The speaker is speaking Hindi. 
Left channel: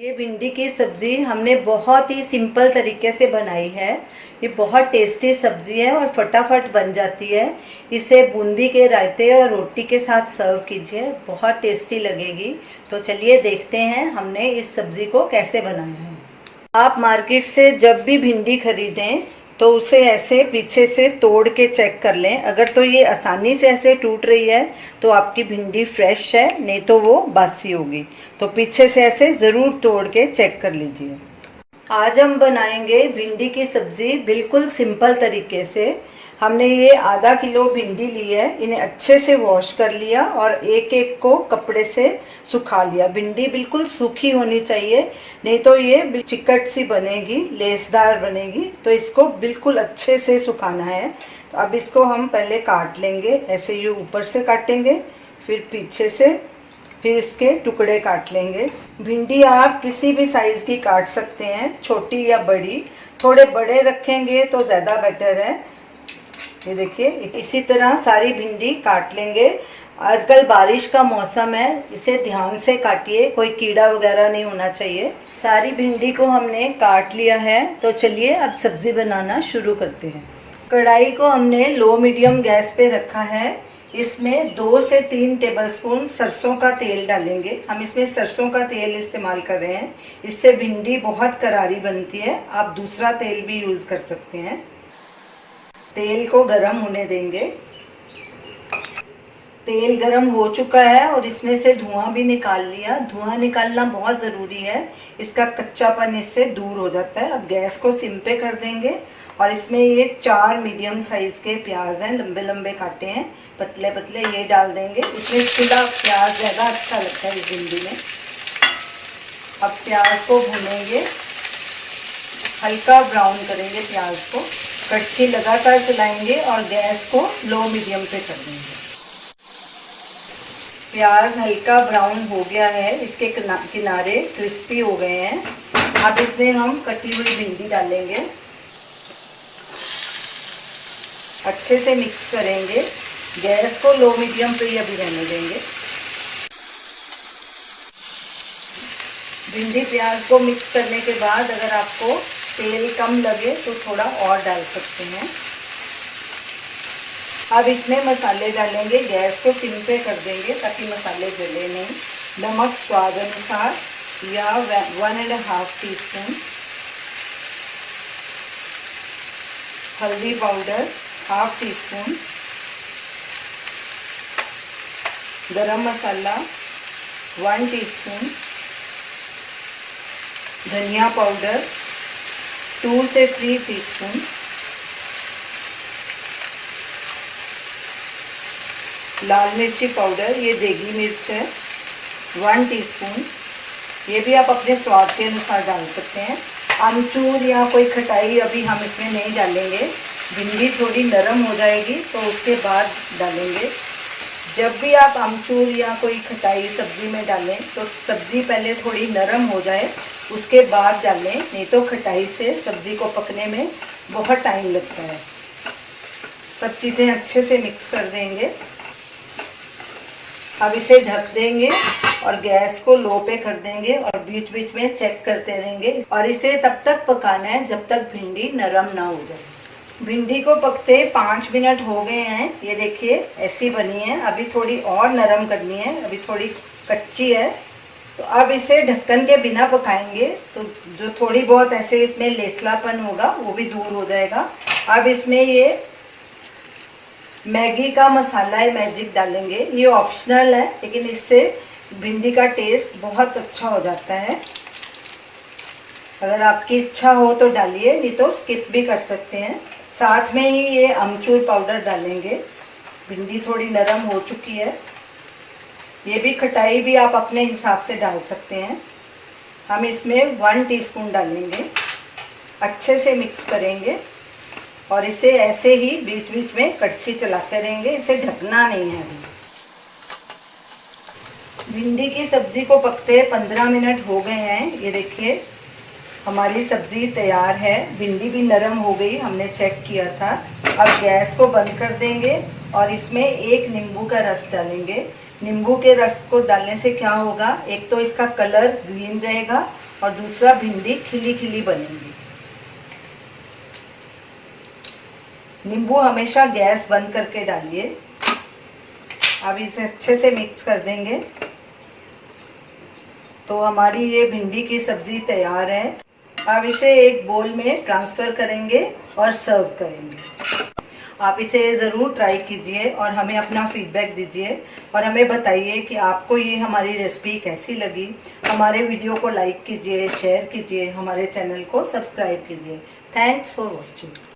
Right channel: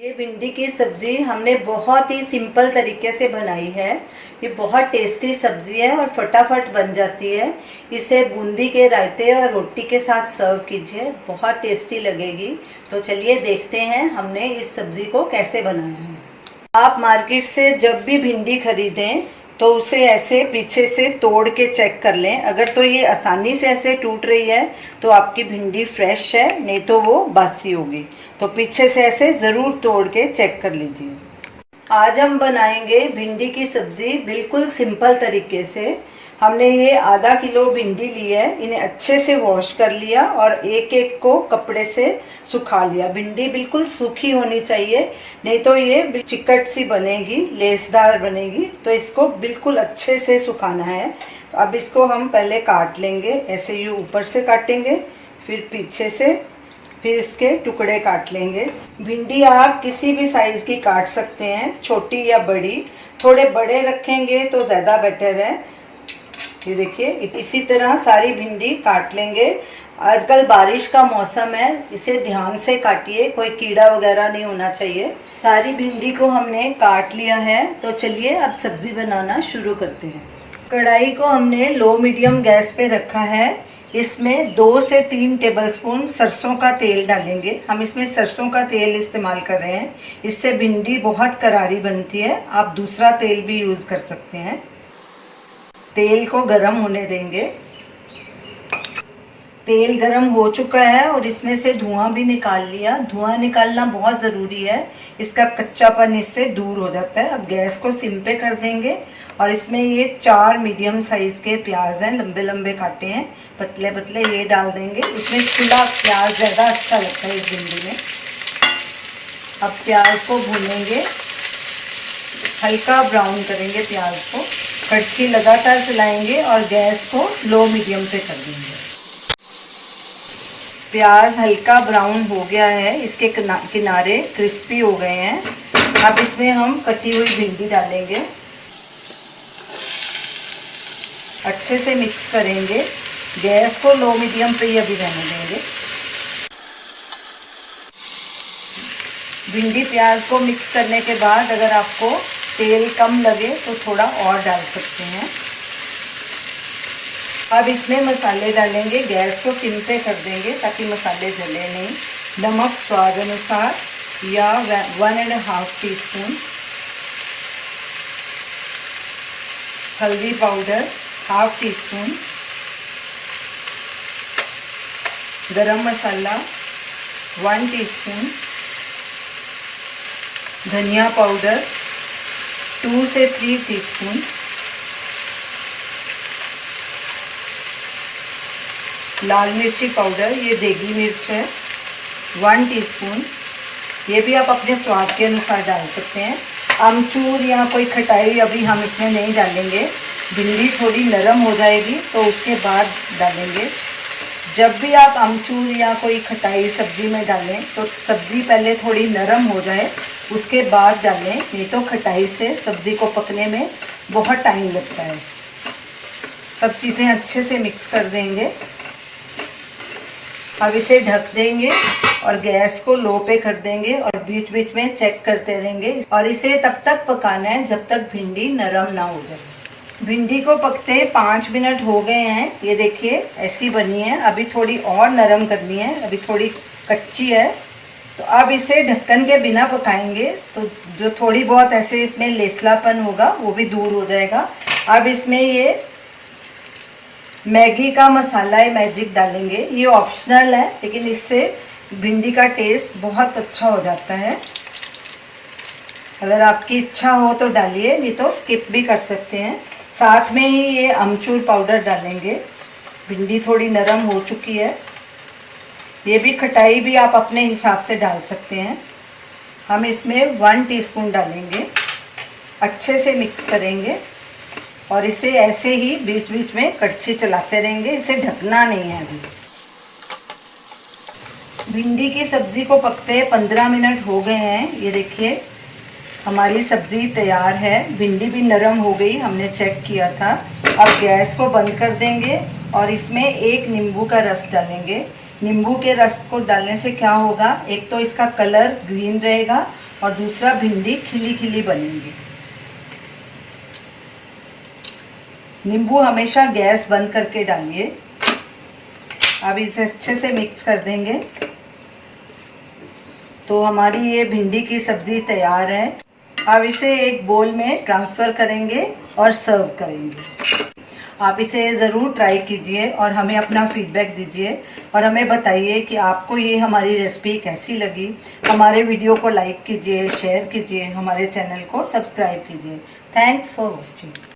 ये भिंडी की सब्जी हमने बहुत ही सिंपल तरीके से बनाई है। ये बहुत टेस्टी सब्जी है और फटाफट बन जाती है। इसे बूंदी के रायते और रोटी के साथ सर्व कीजिए, बहुत टेस्टी लगेगी। तो चलिए देखते हैं हमने इस सब्जी को कैसे बनाया है। आप मार्केट से जब भी भिंडी खरीदें तो उसे ऐसे पीछे से तोड़ के चेक कर लें। अगर तो ये आसानी से ऐसे टूट रही है तो आपकी भिंडी फ्रेश है, नहीं तो वो बासी होगी। तो पीछे से ऐसे ज़रूर तोड़ के चेक कर लीजिए। आज हम बनाएंगे भिंडी की सब्जी बिल्कुल सिंपल तरीके से। हमने ये आधा किलो भिंडी ली है, इन्हें अच्छे से वॉश कर लिया और एक एक को कपड़े से सुखा लिया। भिंडी बिल्कुल सूखी होनी चाहिए, नहीं तो ये चिकट सी बनेगी, लेसदार बनेगी। तो इसको बिल्कुल अच्छे से सुखाना है। तो अब इसको हम पहले काट लेंगे, ऐसे ये ऊपर से काटेंगे, फिर पीछे से, फिर इसके टुकड़े काट लेंगे। भिंडी आप किसी भी साइज की काट सकते हैं, छोटी या बड़ी। थोड़े बड़े रखेंगे तो ज़्यादा बेटर है। ये देखिए, इसी तरह सारी भिंडी काट लेंगे। आजकल बारिश का मौसम है, इसे ध्यान से काटिए, कोई कीड़ा वगैरह नहीं होना चाहिए। सारी भिंडी को हमने काट लिया है। तो चलिए अब सब्जी बनाना शुरू करते हैं। कढ़ाई को हमने लो मीडियम गैस पे रखा है। इसमें 2 से 3 टेबलस्पून सरसों का तेल डालेंगे। हम इसमें सरसों का तेल इस्तेमाल कर रहे हैं, इससे भिंडी बहुत करारी बनती है। आप दूसरा तेल भी यूज़ कर सकते हैं। तेल को गरम होने देंगे। तेल गरम हो चुका है और इसमें से धुआं भी निकाल लिया। धुआं निकालना बहुत ज़रूरी है, इसका कच्चापन इससे दूर हो जाता है। अब गैस को सिम पे कर देंगे और इसमें ये 4 मीडियम साइज के प्याज हैं, लंबे लंबे काटे हैं, पतले पतले, ये डाल देंगे। इसमें खुला प्याज ज़्यादा अच्छा लगता है इस भिंडी में। अब प्याज को भूनेंगे, हल्का ब्राउन करेंगे प्याज को। कड़छी लगातार चलाएंगे और गैस को लो मीडियम पे कर देंगे। प्याज हल्का ब्राउन हो गया है, इसके किनारे क्रिस्पी हो गए हैं। अब इसमें हम कटी हुई भिंडी डालेंगे, अच्छे से मिक्स करेंगे। गैस को लो मीडियम पे ही अभी रहने देंगे। भिंडी प्याज को मिक्स करने के बाद अगर आपको तेल कम लगे तो थोड़ा और डाल सकते हैं। अब इसमें मसाले डालेंगे, गैस को सिम पे कर देंगे ताकि मसाले जले नहीं। नमक स्वाद अनुसार या 1.5 टीस्पून, हल्दी पाउडर 1/2 टीस्पून, गरम मसाला 1 टीस्पून, धनिया पाउडर 2 से 3 टीस्पून, लाल मिर्ची पाउडर, ये देगी मिर्च है 1 टीस्पून। ये भी आप अपने स्वाद के अनुसार डाल सकते हैं। आमचूर या कोई खटाई अभी हम इसमें नहीं डालेंगे, भिंडी थोड़ी नरम हो जाएगी तो उसके बाद डालेंगे। जब भी आप आमचूर या कोई खटाई सब्जी में डालें तो सब्जी पहले थोड़ी नरम हो जाए, उसके बाद डालें, नहीं तो खटाई से सब्जी को पकने में बहुत टाइम लगता है। सब चीज़ें अच्छे से मिक्स कर देंगे। अब इसे ढक देंगे और गैस को लो पे कर देंगे और बीच बीच में चेक करते रहेंगे। और इसे तब तक पकाना है जब तक भिंडी नरम ना हो जाए। भिंडी को पकते 5 मिनट हो गए हैं। ये देखिए ऐसी बनी है। अभी थोड़ी और नरम करनी है, अभी थोड़ी कच्ची है। तो अब इसे ढक्कन के बिना पकाएंगे तो जो थोड़ी बहुत ऐसे इसमें लेसलापन होगा वो भी दूर हो जाएगा। अब इसमें ये मैगी का मसाला है, मैजिक डालेंगे। ये ऑप्शनल है लेकिन इससे भिंडी का टेस्ट बहुत अच्छा हो जाता है। अगर आपकी इच्छा हो तो डालिए, नहीं तो स्किप भी कर सकते हैं। साथ में ही ये अमचूर पाउडर डालेंगे। भिंडी थोड़ी नरम हो चुकी है। ये भी खटाई भी आप अपने हिसाब से डाल सकते हैं। हम इसमें 1 टीस्पून डालेंगे, अच्छे से मिक्स करेंगे और इसे ऐसे ही बीच बीच में कड़छी चलाते रहेंगे। इसे ढकना नहीं है। अभी भिंडी की सब्ज़ी को पकते 15 मिनट हो गए हैं। ये देखिए हमारी सब्ज़ी तैयार है। भिंडी भी नरम हो गई, हमने चेक किया था। अब गैस को बंद कर देंगे और इसमें 1 नींबू का रस डालेंगे। नींबू के रस को डालने से क्या होगा, एक तो इसका कलर ग्रीन रहेगा और दूसरा भिंडी खिली खिली बनेंगी। नींबू हमेशा गैस बंद करके डालिए। अब इसे अच्छे से मिक्स कर देंगे तो हमारी ये भिंडी की सब्जी तैयार है। अब इसे एक बोल में ट्रांसफ़र करेंगे और सर्व करेंगे। आप इसे ज़रूर ट्राई कीजिए और हमें अपना फीडबैक दीजिए और हमें बताइए कि आपको ये हमारी रेसिपी कैसी लगी। हमारे वीडियो को लाइक कीजिए, शेयर कीजिए, हमारे चैनल को सब्सक्राइब कीजिए। Thanks for watching.